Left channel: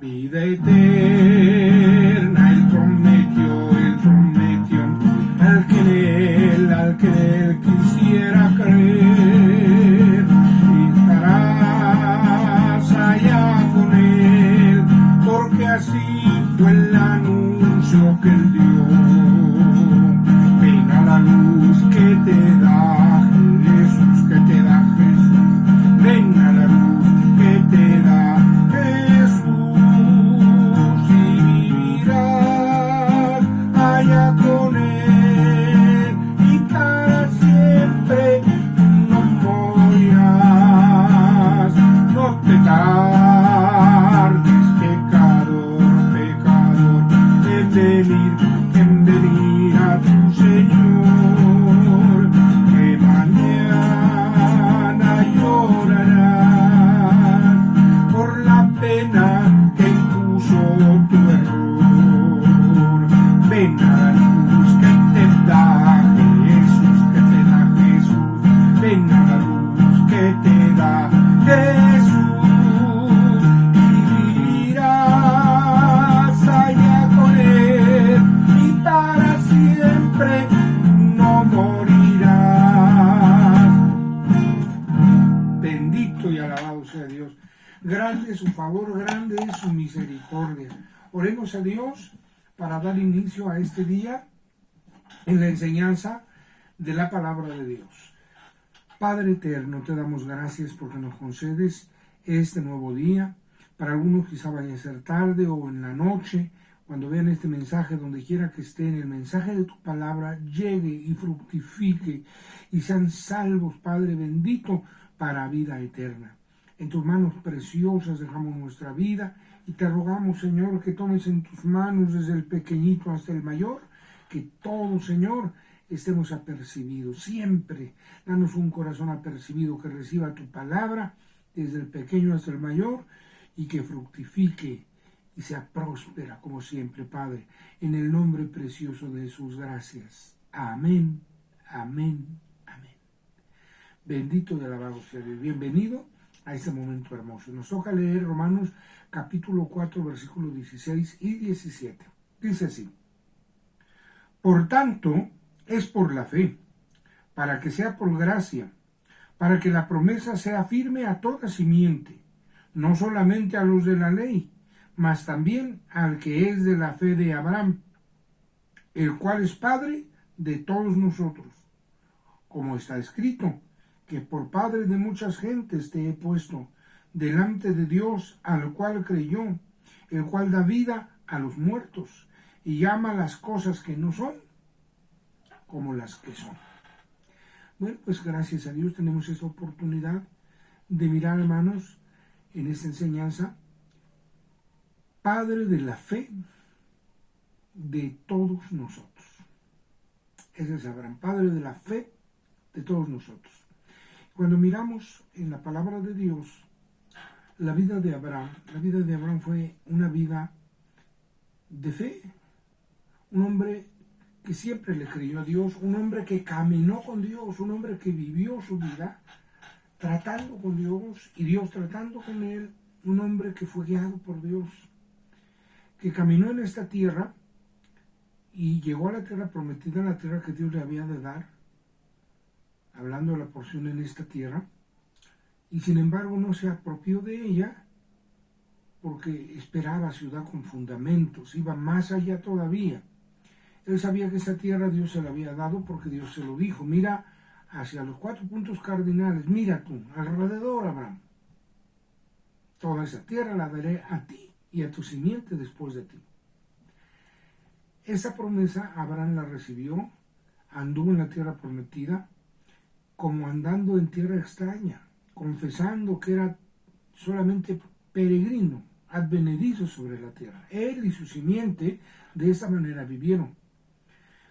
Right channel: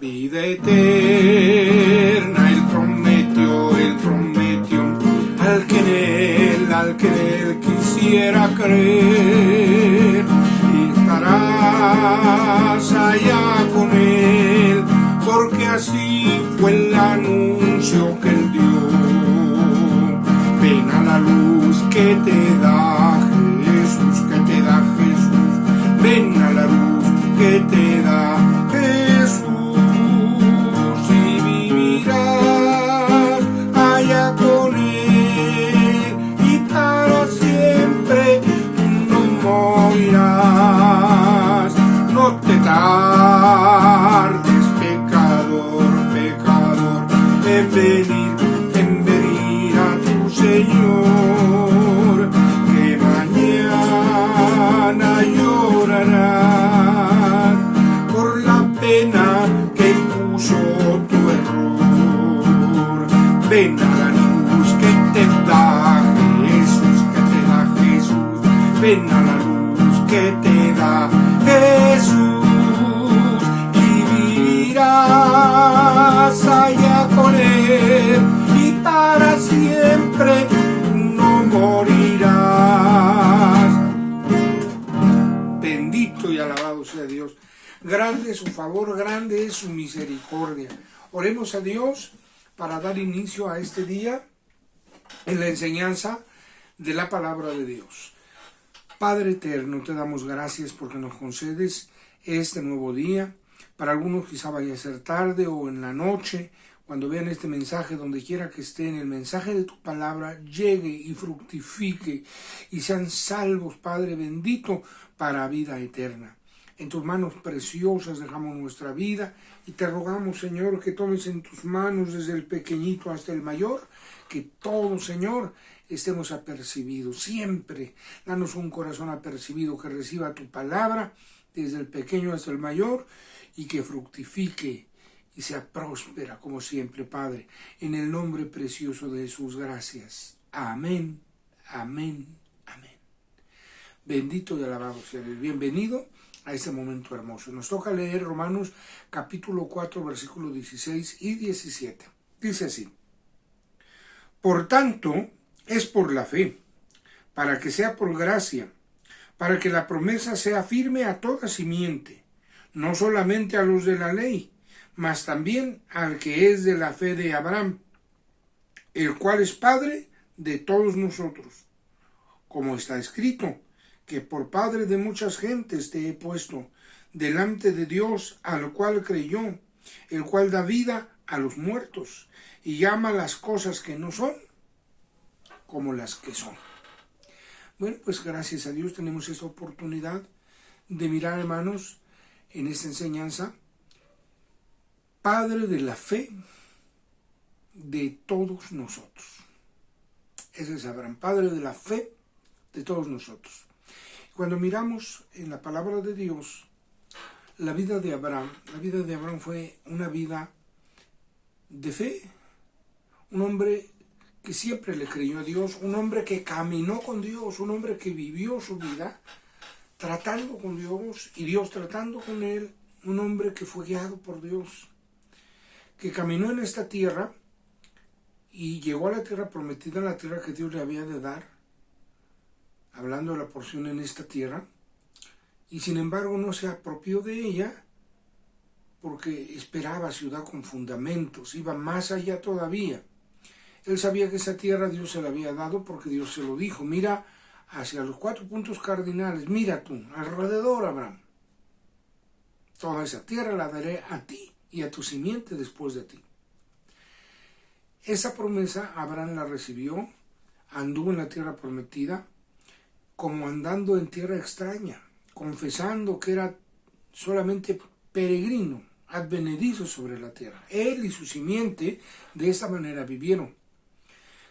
Vida eterna, Él prometió, al que en Él quisiera creer, y estarás allá con Él, porque así fue el anuncio que Él dio. Ven a la luz que te da Jesús, ven a la luz que te da Jesús, y vivirás allá con Él, y para siempre no morirás. No te tardes, pecador, en venir a tu Señor, que mañana llorarás por la pena que impuso tu error. Ven a la luz que te da Jesús, ven a la luz que te da Jesús, y vivirás allá con Él, y para siempre no morirás. Bendito y alabado sea Dios. Grande es su favor, grande es su misericordia. Oremos a Dios para dar inicio a este día en la enseñanza de la palabra de Dios. Padre eterno, te damos gracias porque nos concedes este nuevo día. Para algunos quizá vaya a ser tarde o en la noche, cuando vean este mensaje, donde quiera que estén, el mensaje de tu palabra llegue y fructifique y sean salvos, Padre bendito, para vida eterna. En tus manos preciosas dejamos nuestra vida y te rogamos, Señor, que tomes en tus manos desde el pequeñito hasta el mayor, que todos, Señor, estemos apercibidos. Siempre danos un corazón apercibido que reciba tu palabra desde el pequeño hasta el mayor y que fructifique y sea próspera como siempre, Padre. En el nombre precioso de Jesús, gracias. Amén, amén, amén. Bendito y alabado sea Dios. Bienvenido a este momento hermoso. Nos toca leer Romanos capítulo 4, versículos 16 y 17. Dice así: por tanto, es por la fe, para que sea por gracia, para que la promesa sea firme a toda simiente, no solamente a los de la ley, mas también al que es de la fe de Abraham, el cual es Padre de todos nosotros. Como está escrito, que por Padre de muchas gentes te he puesto, delante de Dios, al cual creyó, el cual da vida a los muertos, y llama las cosas que no son como las que son. Bueno, pues gracias a Dios tenemos esta oportunidad de mirar, hermanos, en esta enseñanza, Padre de la fe de todos nosotros. Ese es Abraham, Padre de la fe de todos nosotros. Cuando miramos en la palabra de Dios, la vida de Abraham fue una vida de fe, un hombre que siempre le creyó a Dios, un hombre que caminó con Dios, un hombre que vivió su vida tratando con Dios y Dios tratando con él, un hombre que fue guiado por Dios, que caminó en esta tierra y llegó a la tierra prometida, la tierra que Dios le había de dar, hablando de la porción en esta tierra, y sin embargo no se apropió de ella porque esperaba ciudad con fundamentos, iba más allá todavía. Él sabía que esa tierra Dios se la había dado porque Dios se lo dijo. Mira hacia los 4 puntos cardinales, mira tú, alrededor, Abraham. Toda esa tierra la daré a ti y a tu simiente después de ti. Esa promesa Abraham la recibió, anduvo en la tierra prometida, como andando en tierra extraña, confesando que era solamente peregrino, advenedizo sobre la tierra. Él y su simiente de esta manera vivieron.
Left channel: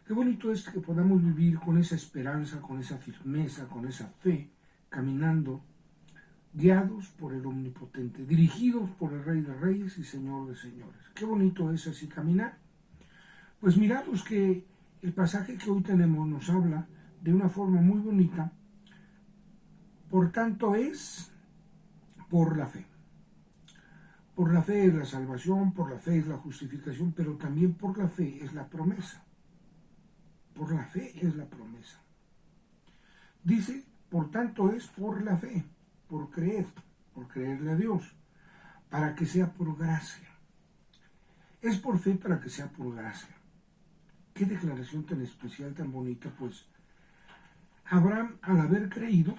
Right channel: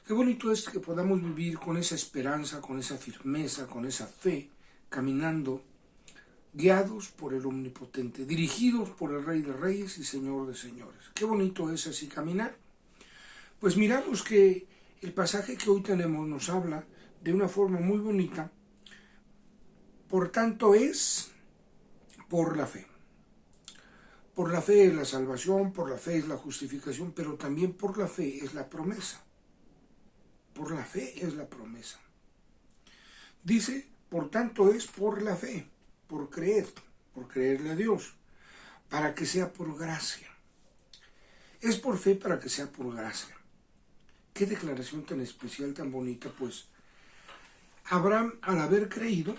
Qué bonito es que podamos vivir con esa esperanza, con esa firmeza, con esa fe, caminando, guiados por el Omnipotente, dirigidos por el Rey de Reyes y Señor de Señores. Qué bonito es así caminar. Pues miramos que el pasaje que hoy tenemos nos habla de una forma muy bonita. Por tanto es por la fe. Por la fe es la salvación, por la fe es la justificación, pero también por la fe es la promesa. Por la fe es la promesa. Dice, por tanto es por la fe, por creerle a Dios, para que sea por gracia. Es por fe para que sea por gracia. Qué declaración tan especial, tan bonita, pues. Abraham, al haber creído,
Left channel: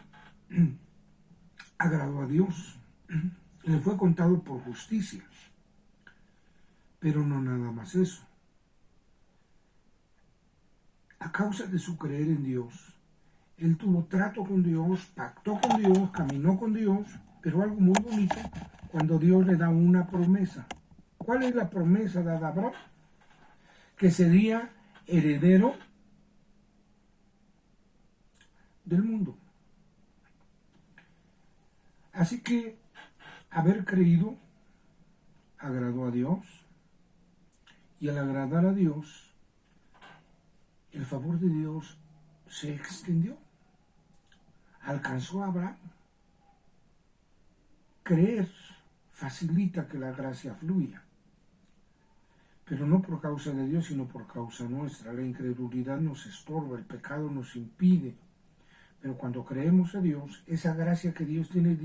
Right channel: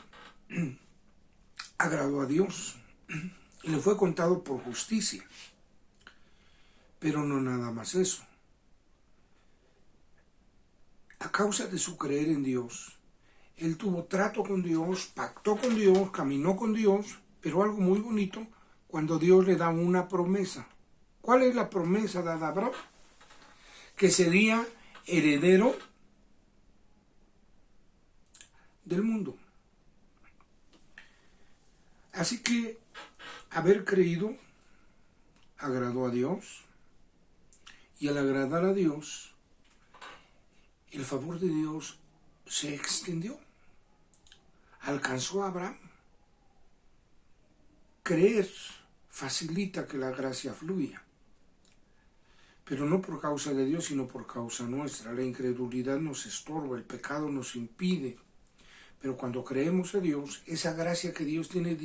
agradó a Dios y le fue contado por justicia. Pero no nada más eso. A causa de su creer en Dios, él tuvo trato con Dios, pactó con Dios, caminó con Dios, pero algo muy bonito, cuando Dios le da una promesa. ¿Cuál es la promesa dada a Abraham? Que sería heredero del mundo. Así que haber creído agradó a Dios, y al agradar a Dios, el favor de Dios se extendió, alcanzó a Abraham. Creer facilita que la gracia fluya, pero no por causa de Dios, sino por causa nuestra. La incredulidad nos estorba, el pecado nos impide, pero cuando creemos a Dios, esa gracia que Dios tiene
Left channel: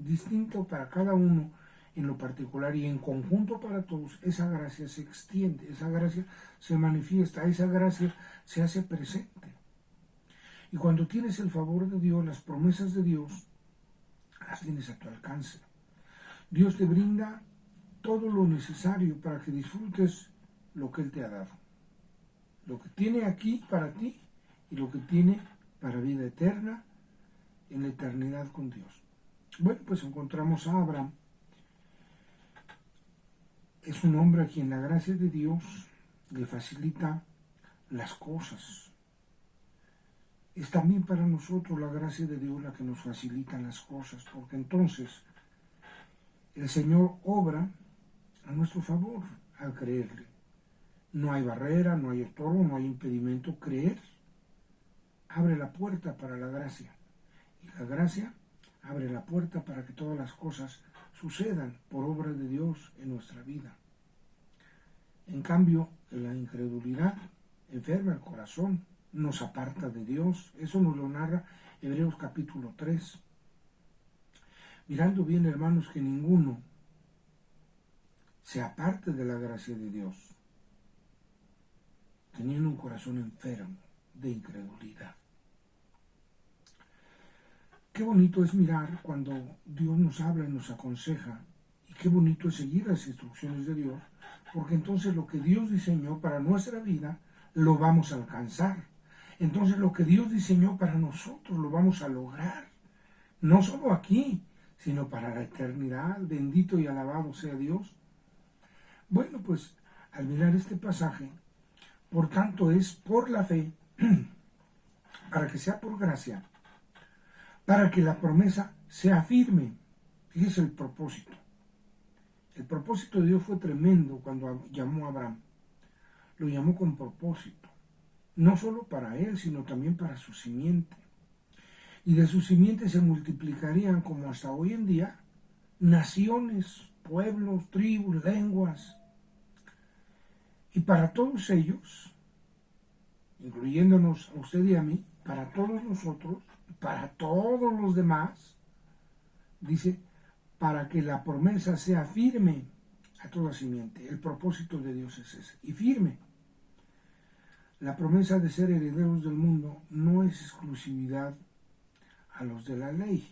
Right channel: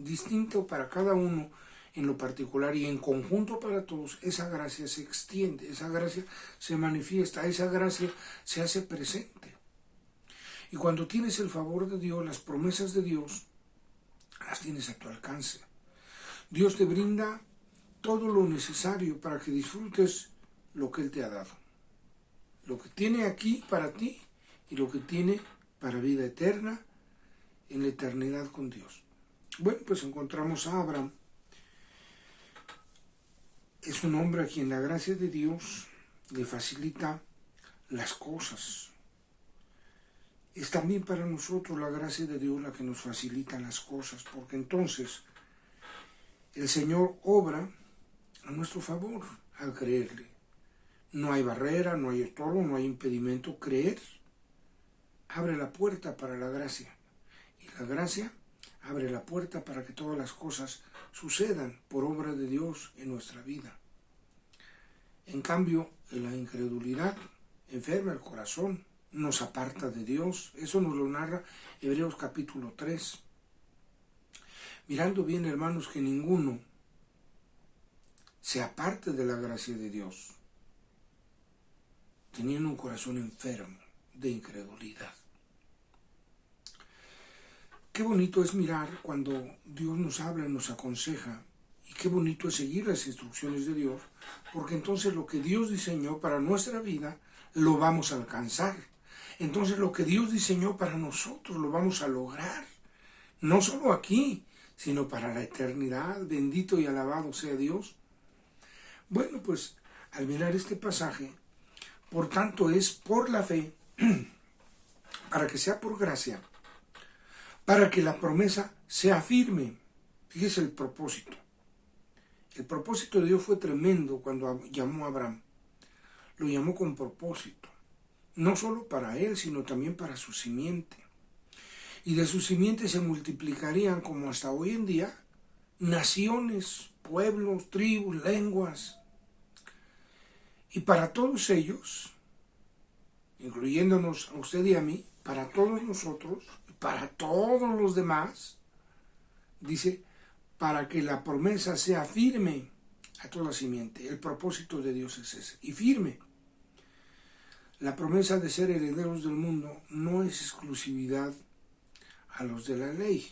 distinto para cada uno en lo particular y en conjunto para todos, esa gracia se extiende, esa gracia se manifiesta, esa gracia se hace presente. Y cuando tienes el favor de Dios, las promesas de Dios, las tienes a tu alcance. Dios te brinda todo lo necesario para que disfrutes lo que Él te ha dado. Lo que tiene aquí para ti y lo que tiene para vida eterna en la eternidad con Dios. Bueno, pues encontramos a Abraham. Es un hombre a quien la gracia de Dios le facilita las cosas. Es también para nosotros la gracia de Dios la que nos facilita las cosas, porque entonces el Señor obra a nuestro favor al creerle. No hay barrera, no hay estorbo, no hay impedimento. Creer abre la puerta para la gracia, y la gracia abre la puerta para que todas las cosas sucedan por obra de Dios en nuestra vida. En cambio, la incredulidad enferma el corazón, nos aparta de Dios. Eso nos lo narra Hebreos capítulo 3. Mirando bien, hermanos, que ninguno se aparte de la gracia de Dios, teniendo un corazón enfermo de incredulidad. Qué bonito es mirar cuando Dios nos habla y nos aconseja, y qué bonito es seguir las instrucciones de Dios, porque entonces lo que Dios diseñó para nuestra vida lo vamos a alcanzar. Entonces lo que Dios diseñó para nosotros lo vamos a lograr, no solo aquí, sino para la eternidad. Bendito y alabado sea Dios. Bueno, pues al mirar este pasaje, por tanto es por la fe, para que sea por gracia, para que la promesa sea firme. Fíjese el propósito. El propósito de Dios fue tremendo cuando llamó a Abraham. Lo llamó con propósito, no solo para él, sino también para su simiente. Y de su simiente se multiplicarían, como hasta hoy en día, naciones, pueblos, tribus, lenguas. Y para todos ellos, incluyéndonos a usted y a mí, para todos nosotros, para todos los demás, dice, para que la promesa sea firme a toda simiente. El propósito de Dios es ese, y firme. La promesa de ser herederos del mundo no es exclusividad a los de la ley,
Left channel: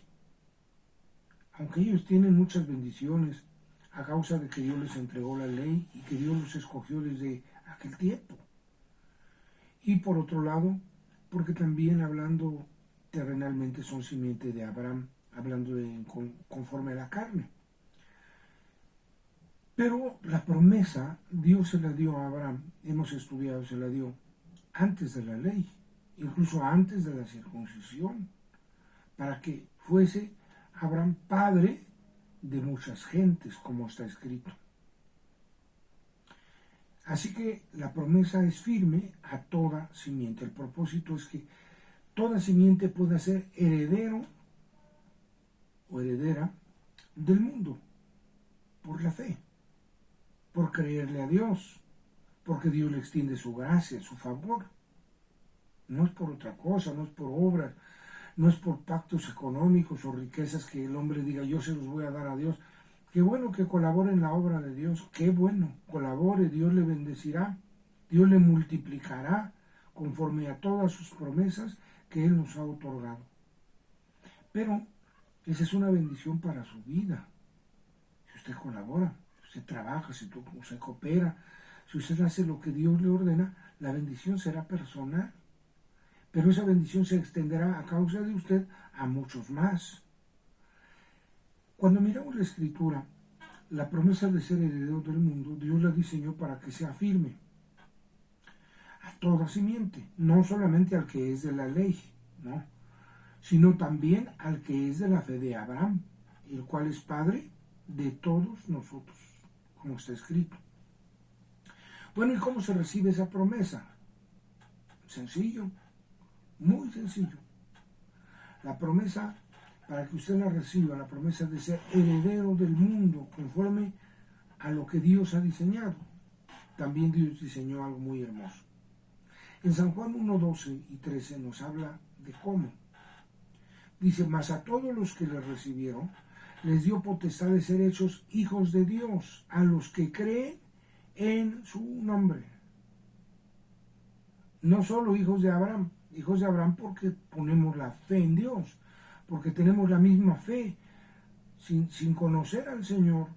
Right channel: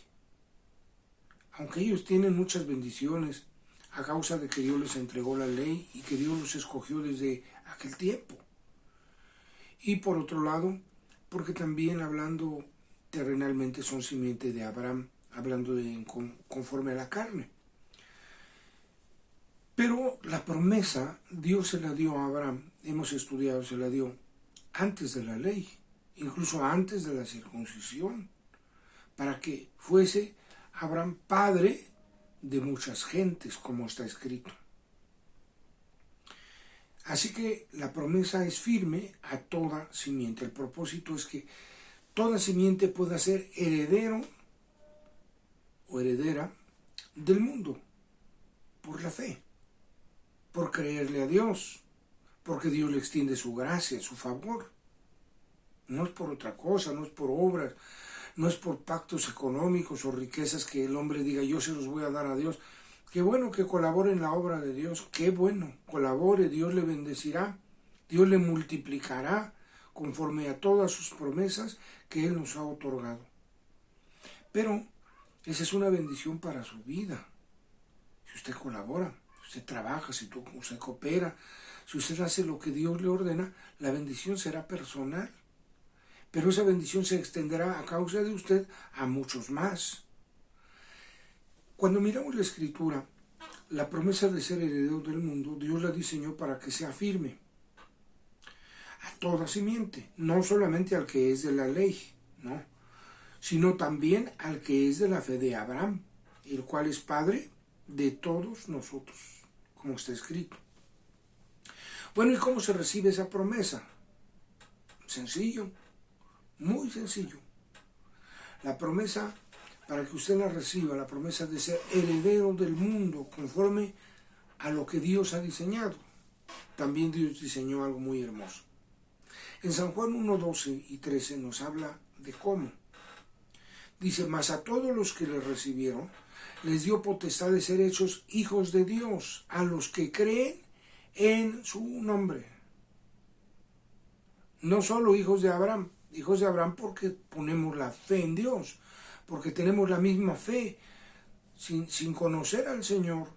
aunque ellos tienen muchas bendiciones a causa de que Dios les entregó la ley y que Dios los escogió desde aquel tiempo. Y por otro lado, porque también hablando terrenalmente son simiente de Abraham, hablando conforme a la carne. Pero la promesa Dios se la dio a Abraham, hemos estudiado, se la dio antes de la ley, incluso antes de la circuncisión, para que fuese Abraham padre de muchas gentes, como está escrito. Así que la promesa es firme a toda simiente. El propósito es que toda simiente pueda ser heredero o heredera del mundo, por la fe, por creerle a Dios, porque Dios le extiende su gracia, su favor. No es por otra cosa, no es por obras, no es por pactos económicos o riquezas que el hombre diga yo se los voy a dar a Dios. Qué bueno que colabore en la obra de Dios, qué bueno, colabore, Dios le bendecirá, Dios le multiplicará conforme a todas sus promesas que Él nos ha otorgado. Pero esa es una bendición para su vida. Si usted colabora, si usted trabaja, si usted coopera, si usted hace lo que Dios le ordena, la bendición será personal. Pero esa bendición se extenderá a causa de usted a muchos más. Cuando miramos la Escritura, la promesa de ser heredero del mundo, Dios la diseñó para que sea firme a toda simiente, no solamente al que es de la ley, no, sino también al que es de la fe de Abraham, el cual es padre de todos nosotros, como está escrito. Bueno, ¿y cómo se recibe esa promesa? Sencillo, muy sencillo. La promesa, para que usted la reciba, la promesa de ser heredero del mundo conforme a lo que Dios ha diseñado. También Dios diseñó algo muy hermoso. En San Juan 1:12 y 13 nos habla de cómo. Dice, mas a todos los que le recibieron, les dio potestad de ser hechos hijos de Dios, a los que creen en su nombre. No solo hijos de Abraham porque ponemos la fe en Dios, porque tenemos la misma fe. Sin conocer al Señor,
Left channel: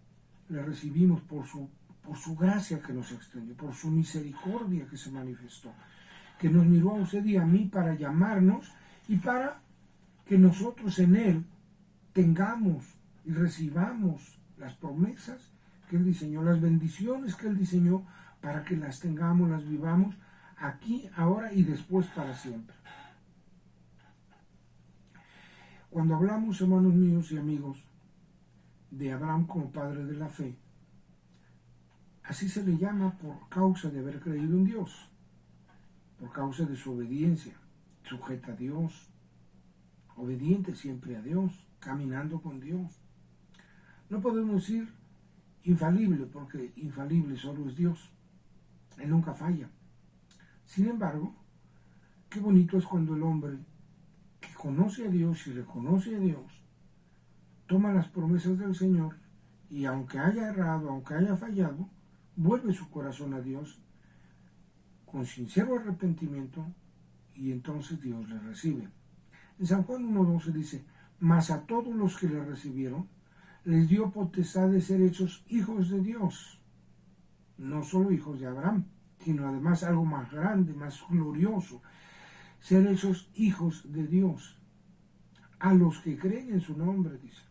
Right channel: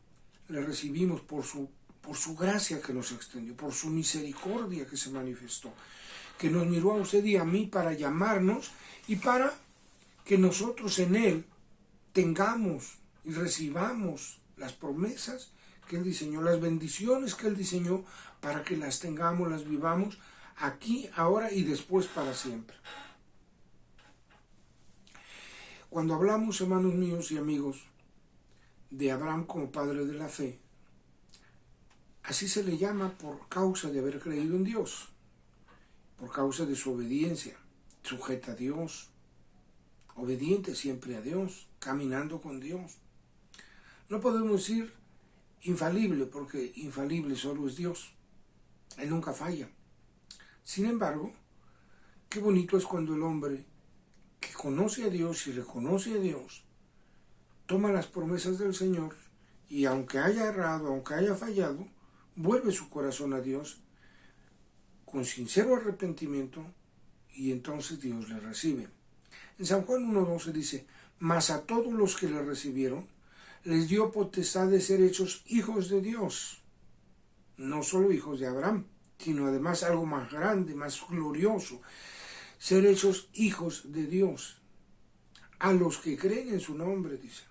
le recibimos por su gracia que nos extendió, por su misericordia que se manifestó, que nos miró a usted y a mí para llamarnos y para que nosotros en Él tengamos y recibamos las promesas que Él diseñó, las bendiciones que Él diseñó, para que las tengamos, las vivamos aquí, ahora y después para siempre. Cuando hablamos, hermanos míos y amigos, de Abraham como padre de la fe, así se le llama por causa de haber creído en Dios, por causa de su obediencia, sujeta a Dios, obediente siempre a Dios, caminando con Dios. No podemos decir infalible, porque infalible solo es Dios. Él nunca falla. Sin embargo, qué bonito es cuando el hombre que conoce a Dios y reconoce a Dios, toma las promesas del Señor y aunque haya errado, aunque haya fallado, vuelve su corazón a Dios con sincero arrepentimiento y entonces Dios le recibe. En San Juan 1:12 dice, mas a todos los que le recibieron, les dio potestad de ser hechos hijos de Dios. No solo hijos de Abraham, sino además algo más grande, más glorioso, ser hechos hijos de Dios, a los que creen en su nombre, dice,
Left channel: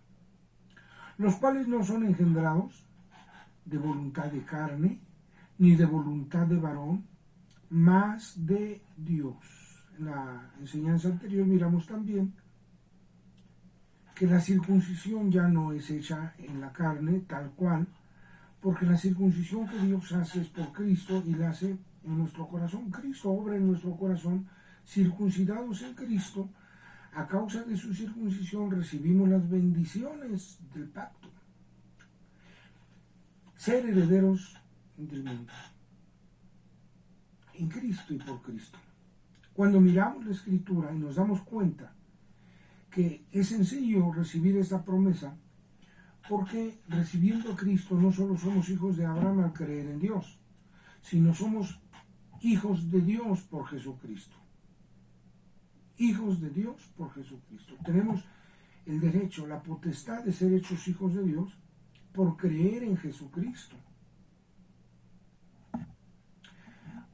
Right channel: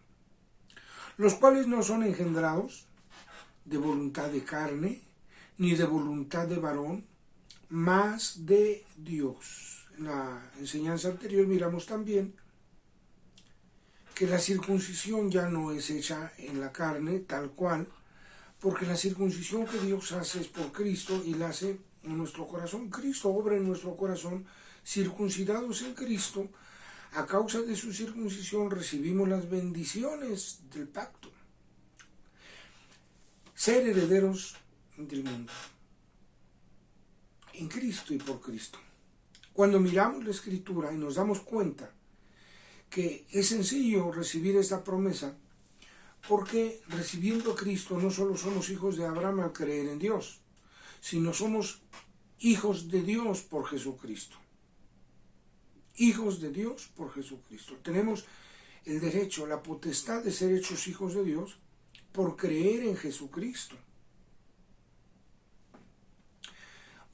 los cuales no son engendrados de voluntad de carne, ni de voluntad de varón, mas de Dios. En la enseñanza anterior miramos también que la circuncisión ya no es hecha en la carne tal cual, porque la circuncisión que Dios hace es por Cristo y la hace en nuestro corazón. Cristo obra en nuestro corazón, circuncidados en Cristo. A causa de su circuncisión recibimos las bendiciones del pacto. Ser herederos del mundo, en Cristo y por Cristo. Cuando miramos la Escritura y nos damos cuenta que es sencillo recibir esta promesa, porque recibiendo a Cristo no solo somos hijos de Abraham al creer en Dios, sino somos hijos de Dios por Jesucristo. Hijos de Dios por Jesucristo. Tenemos el derecho, la potestad de ser hechos hijos de Dios por creer en Jesucristo.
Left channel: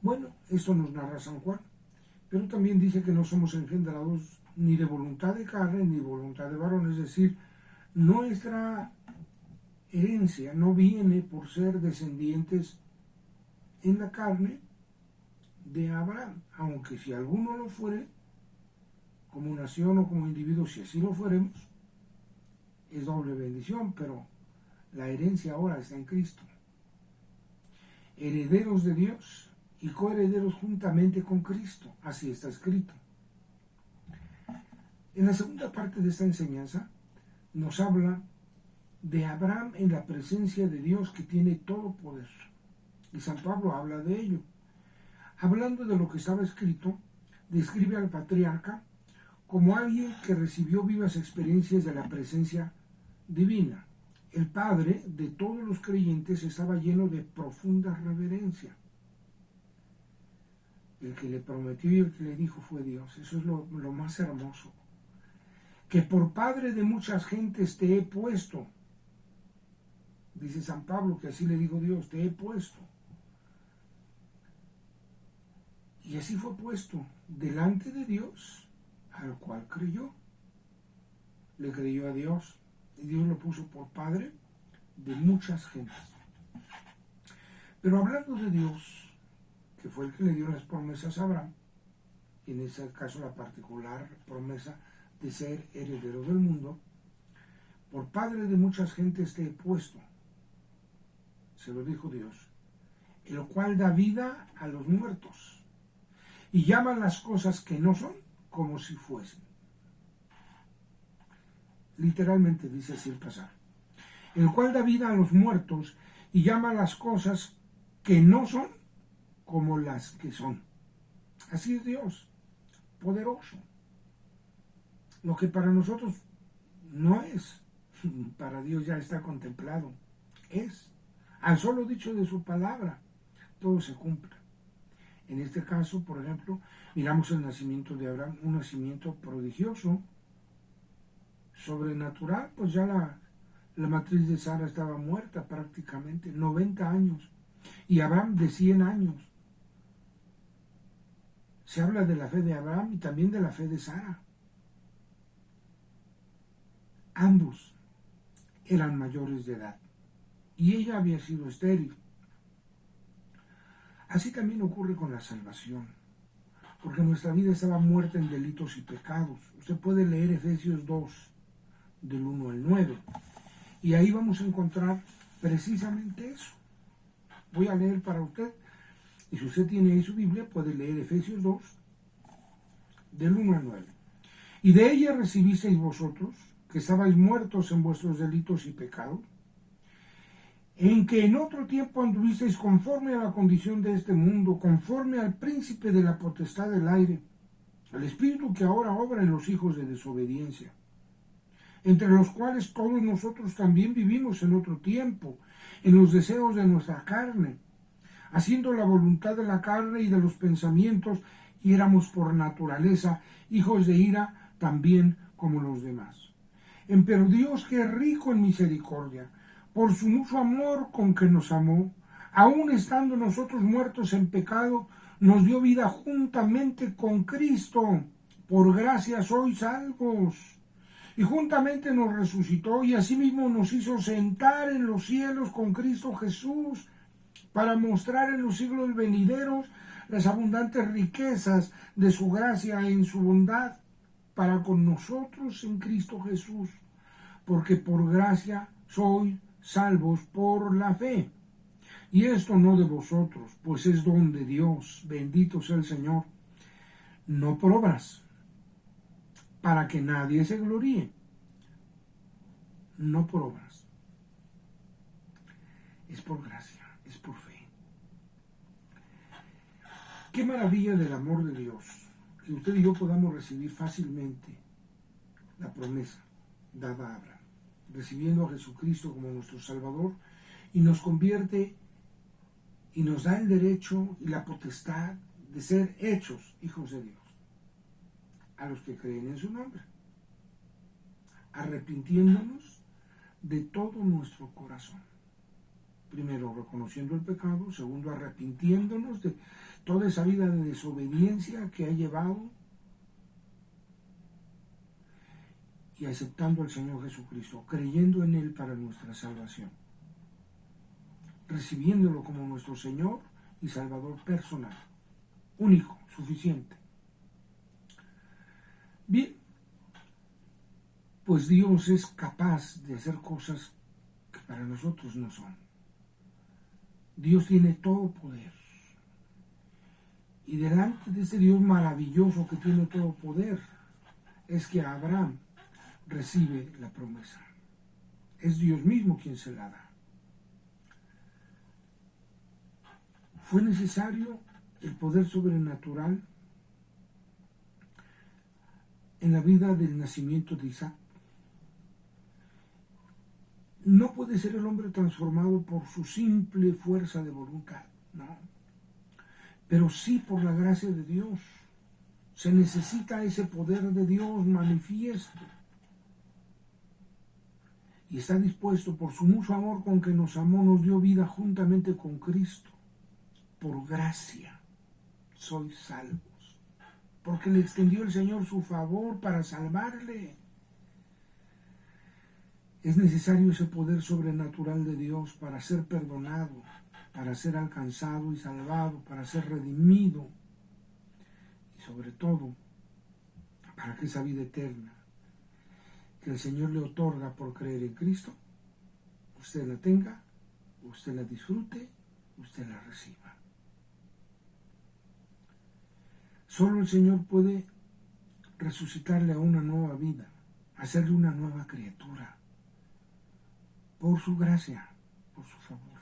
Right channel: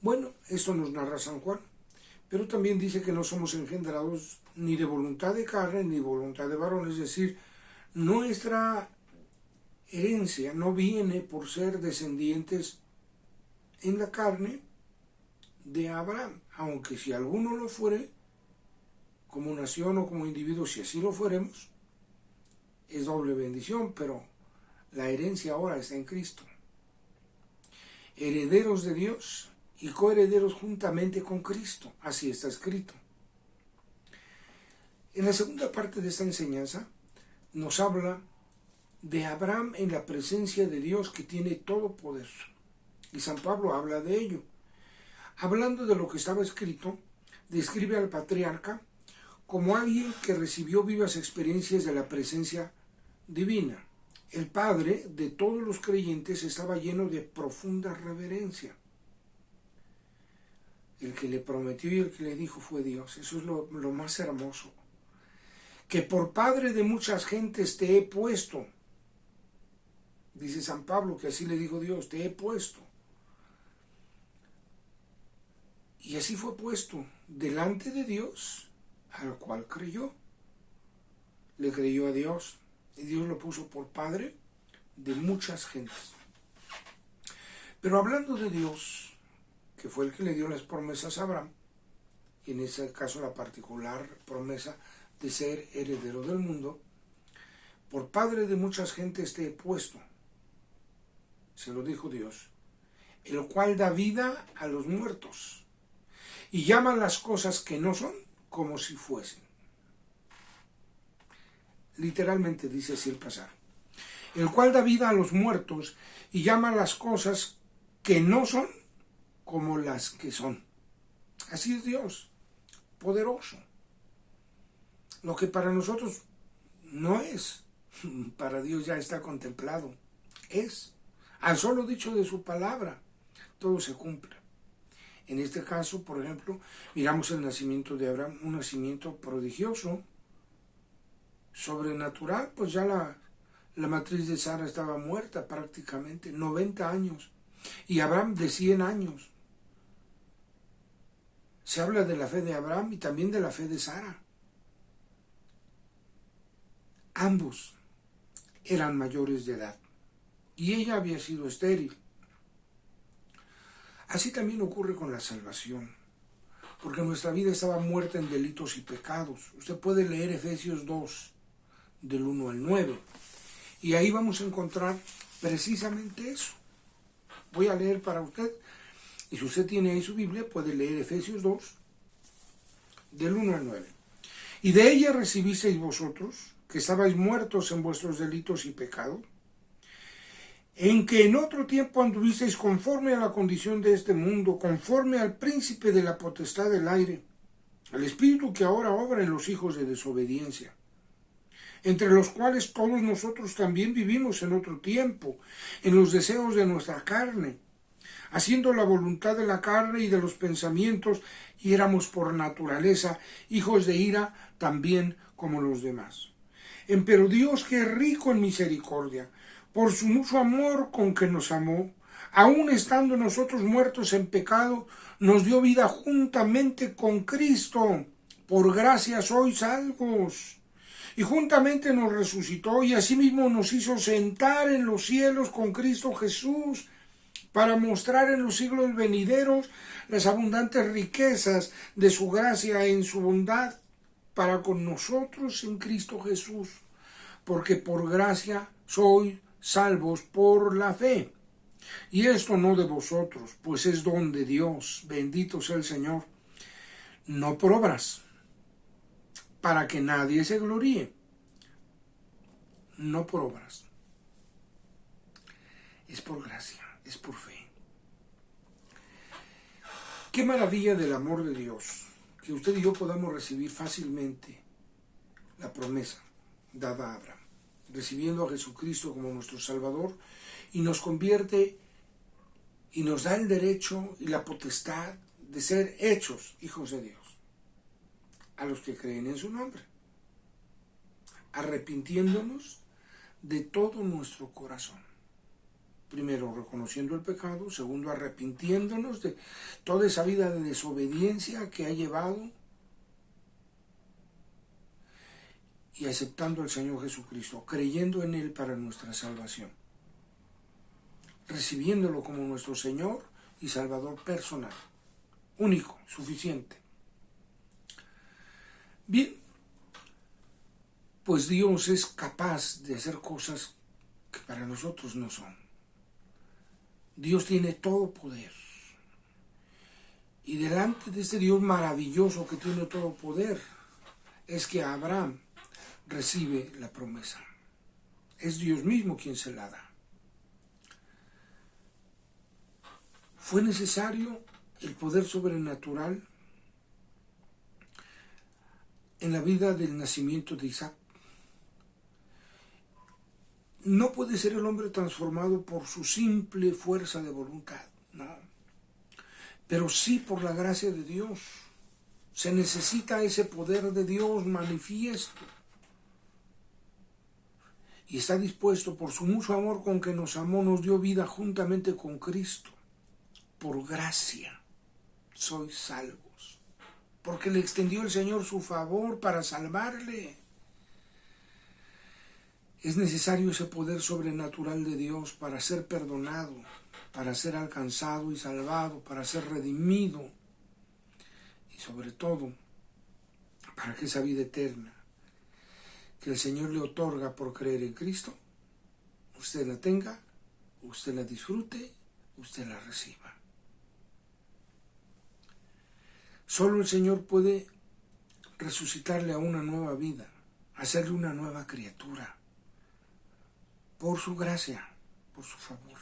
Bueno, esto nos narra San Juan, pero también dice que no somos engendrados ni de voluntad de carne ni de voluntad de varón, es decir, nuestra herencia no viene por ser descendientes en la carne de Abraham, aunque si alguno lo fuere, como nación o como individuo, si así lo fuéramos, es doble bendición, pero la herencia ahora está en Cristo. Herederos de Dios y coherederos juntamente con Cristo, así está escrito. En la segunda parte de esta enseñanza nos habla de Abraham en la presencia de Dios que tiene todo poder. Y San Pablo habla de ello. Hablando de lo que estaba escrito, describe al patriarca como alguien que recibió vivas experiencias de la presencia divina. El padre de todos los creyentes estaba lleno de profunda reverencia. El que le prometió y el que le dijo fue Dios. Eso es lo más hermoso. Que por padre de muchas gentes te he puesto. Dice San Pablo que así le dijo Dios, te he puesto. Y así fue puesto delante de Dios, al cual creyó. Le creyó a Dios y Dios lo puso por padre de muchas gentes. Pero hablando de Dios, que fue el que le dio las promesas a Abraham, y en ese caso la particular promesa de ser heredero del mundo, por padre de muchas gentes te he puesto, se lo dijo Dios, el cual da vida a los muertos y llama las cosas que no son como si fuesen. Literalmente dice así el pasaje. El cual da vida a los muertos y llama las cosas que no son como las que son. Así es Dios, poderoso. Lo que para nosotros no es, para Dios ya está contemplado. Es. Al solo dicho de su palabra, todo se cumple. En este caso, por ejemplo, miramos el nacimiento de Abraham, un nacimiento prodigioso, sobrenatural, pues ya la matriz de Sara estaba muerta prácticamente, 90 años, y Abraham de 100 años. Se habla de la fe de Abraham y también de la fe de Sara. Ambos eran mayores de edad y ella había sido estéril. Así también ocurre con la salvación, porque nuestra vida estaba muerta en delitos y pecados. Usted puede leer Efesios 2, del 1 al 9, y ahí vamos a encontrar precisamente eso. Voy a leer para usted, y si usted tiene ahí su Biblia, puede leer Efesios 2, del 1 al 9. Y de ella recibisteis vosotros, que estabais muertos en vuestros delitos y pecados, en que en otro tiempo anduvisteis conforme a la condición de este mundo, conforme al príncipe de la potestad del aire, al espíritu que ahora obra en los hijos de desobediencia, entre los cuales todos nosotros también vivimos en otro tiempo, en los deseos de nuestra carne, haciendo la voluntad de la carne y de los pensamientos, y éramos por naturaleza hijos de ira también como los demás. Empero Dios, que es rico en misericordia, por su mucho amor con que nos amó, aun estando nosotros muertos en pecado, nos dio vida juntamente con Cristo. Por gracia sois salvos. Y juntamente nos resucitó y asimismo nos hizo sentar en los cielos con Cristo Jesús, para mostrar en los siglos venideros las abundantes riquezas de su gracia en su bondad para con nosotros en Cristo Jesús. Porque por gracia sois salvos por la fe. Y esto no de vosotros, pues es don de Dios, bendito sea el Señor, no por obras, para que nadie se gloríe, no por obras, es por gracia, es por fe. Qué maravilla del amor de Dios, que usted y yo podamos recibir fácilmente la promesa dada a Abraham, recibiendo a Jesucristo como nuestro Salvador, y nos convierte y nos da el derecho y la potestad de ser hechos hijos de Dios, a los que creen en su nombre, arrepintiéndonos de todo nuestro corazón. Primero, reconociendo el pecado. Segundo, arrepintiéndonos de toda esa vida de desobediencia que ha llevado, y aceptando al Señor Jesucristo, creyendo en Él para nuestra salvación, recibiéndolo como nuestro Señor y Salvador personal, único, suficiente. Bien, pues Dios es capaz de hacer cosas que para nosotros no son. Dios tiene todo poder. Y delante de este Dios maravilloso que tiene todo poder, es que Abraham recibe la promesa. es Dios mismo quien se la da. Fue necesario el poder sobrenatural en la vida del nacimiento de Isaac. No puede ser el hombre transformado por su simple fuerza de voluntad, no. Pero sí por la gracia de Dios. Se necesita ese poder de Dios manifiesto. Y está dispuesto por su mucho amor con que nos amó, nos dio vida juntamente con Cristo. Por gracia sois salvos. Porque le extendió el Señor su favor para salvarle. Es necesario ese poder sobrenatural de Dios para ser perdonado, para ser alcanzado y salvado, para ser redimido y sobre todo para que esa vida eterna que el Señor le otorga por creer en Cristo, usted la tenga, usted la disfrute, usted la reciba. Solo el Señor puede resucitarle a una nueva vida, hacerle una nueva criatura, por su gracia, por su favor.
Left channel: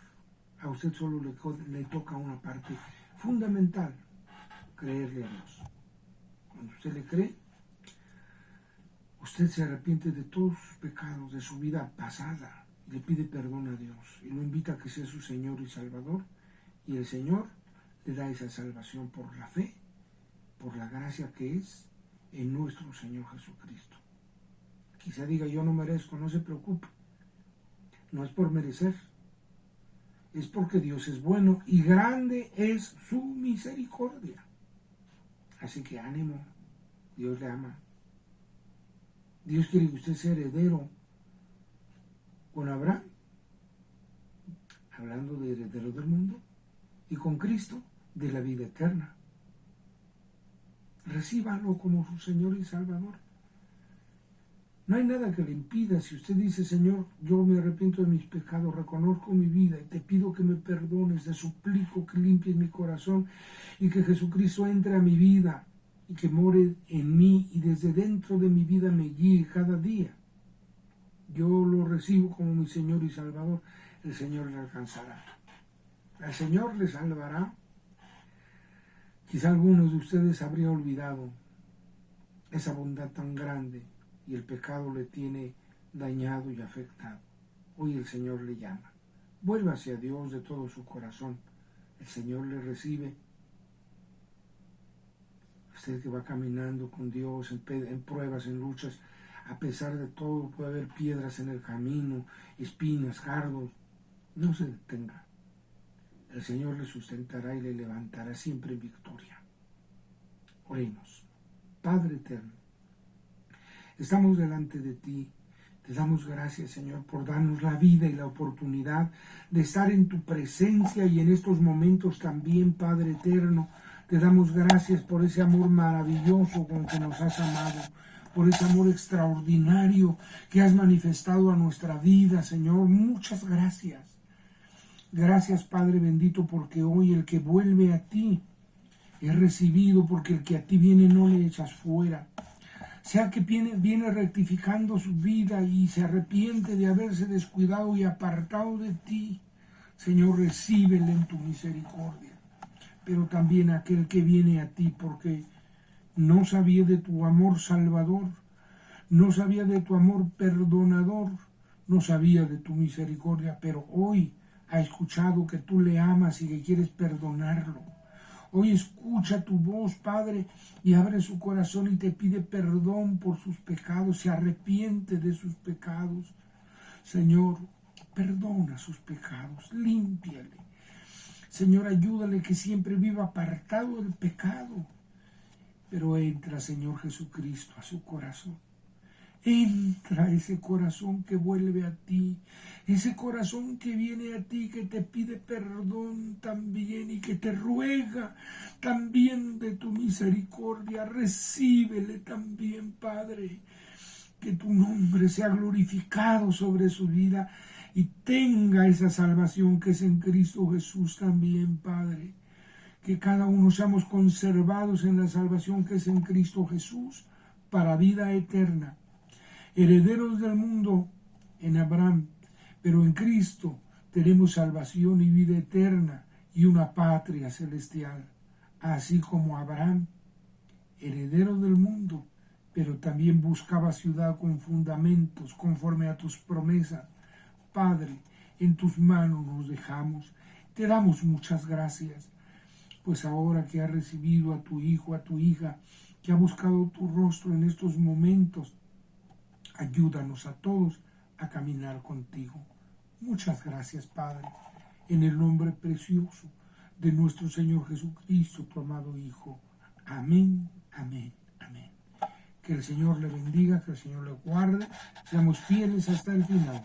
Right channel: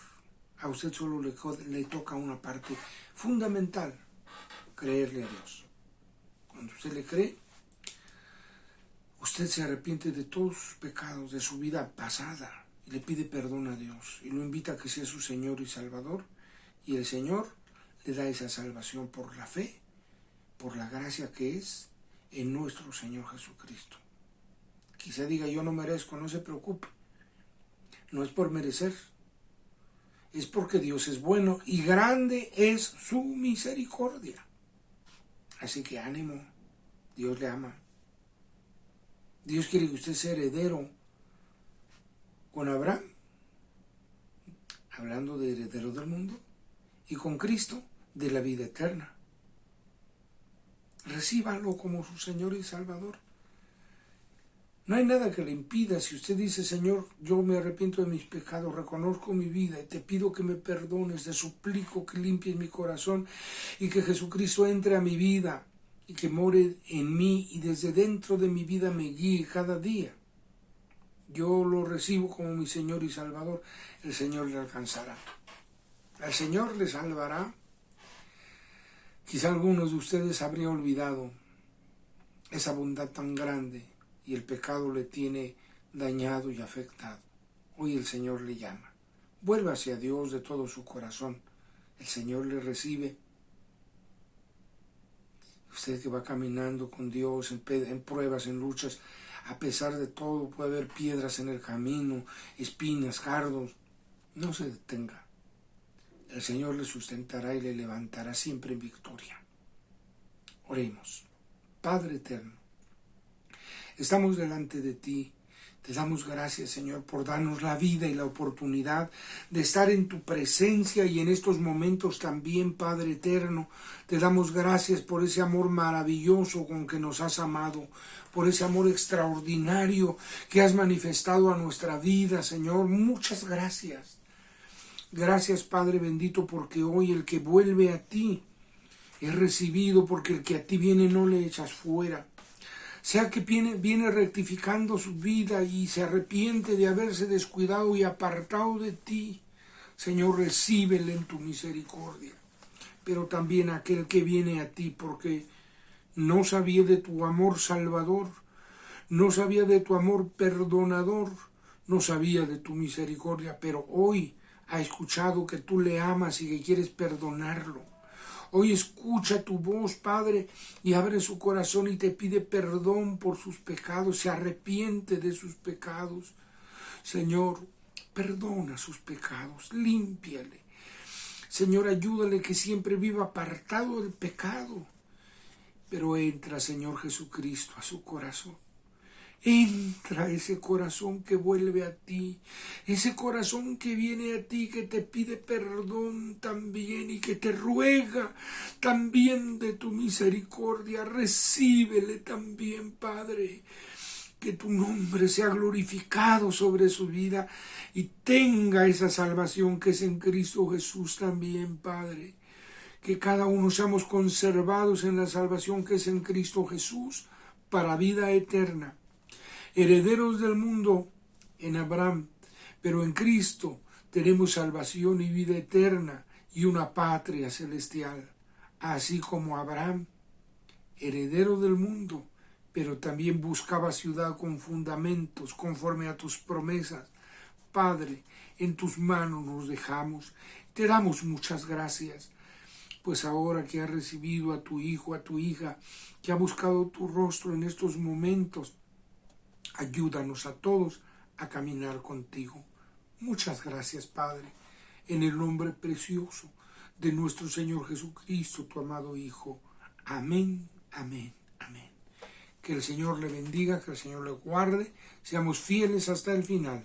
A usted solo le toca una parte fundamental, creerle a Dios. Cuando usted le cree, usted se arrepiente de todos sus pecados, de su vida pasada, y le pide perdón a Dios, y lo invita a que sea su Señor y Salvador, y el Señor le da esa salvación por la fe, por la gracia que es en nuestro Señor Jesucristo. Quizá diga, yo no merezco, no se preocupe. No es por merecer, es porque Dios es bueno y grande es su misericordia. Así que ánimo, Dios le ama. Dios quiere que usted sea heredero con Abraham, hablando de heredero del mundo, y con Cristo de la vida eterna. Recíbanlo como su Señor y Salvador. No hay nada que le impida. Si usted dice, Señor, yo me arrepiento de mis pecados, reconozco mi vida y te pido que me perdones, te suplico que limpies mi corazón y que Jesucristo entre a mi vida y que more en mí y desde dentro de mi vida me guíe cada día. Yo lo recibo como mi Señor y Salvador. El Señor le alcanzará. El Señor le salvará. Quizá algunos de ustedes habrían olvidado esa bondad tan grande y el pecado le tiene dañado y afectado. Hoy el Señor le llama. Vuelva hacia Dios de todo su corazón. El Señor le recibe. Usted que va caminando con Dios en pruebas, en luchas, a pesar de todo puede haber piedras en el camino, espinas, cardos. No se detenga. El Señor le sustentará y le levantará siempre en victoria. Oremos. Padre eterno, estamos delante de ti. Te damos gracias, Señor, por darnos la vida y la oportunidad de estar en tu presencia y en estos momentos también, Padre eterno. Te damos gracias por ese amor maravilloso con que nos has amado, por ese amor extraordinario que has manifestado a nuestra vida, Señor. Muchas gracias. Gracias, Padre bendito, porque hoy el que vuelve a ti es recibido, porque el que a ti viene no le echas fuera. Sea que viene rectificando su vida y se arrepiente de haberse descuidado y apartado de ti, Señor, recíbele en tu misericordia. Pero también aquel que viene a ti porque no sabía de tu amor salvador, no sabía de tu amor perdonador, no sabía de tu misericordia, pero hoy ha escuchado que tú le amas y que quieres perdonarlo. Hoy escucha tu voz, Padre, y abre su corazón y te pide perdón por sus pecados, se arrepiente de sus pecados. Señor, perdona sus pecados, límpiale. Señor, ayúdale que siempre viva apartado del pecado. Pero entra, Señor Jesucristo, a su corazón. Entra ese corazón que vuelve a ti, ese corazón que viene a ti, que te pide perdón también y que te ruega también de tu misericordia. Recíbele también, Padre, que tu nombre sea glorificado sobre su vida y tenga esa salvación que es en Cristo Jesús también, Padre. Que cada uno seamos conservados en la salvación que es en Cristo Jesús para vida eterna. Herederos del mundo en Abraham, pero en Cristo tenemos salvación y vida eterna y una patria celestial, así como Abraham, heredero del mundo, pero también buscaba ciudad con fundamentos conforme a tus promesas. Padre, en tus manos nos dejamos. Te damos muchas gracias, pues ahora que has recibido a tu hijo, a tu hija, que ha buscado tu rostro en estos momentos, ayúdanos a todos a caminar contigo. Muchas gracias, Padre, en el nombre precioso de nuestro Señor Jesucristo, tu amado Hijo. Amén, amén, amén. Que el Señor le bendiga, que el Señor le guarde. Seamos fieles hasta el final.